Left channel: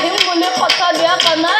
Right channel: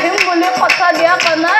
Ibrahim boleh kata dia karena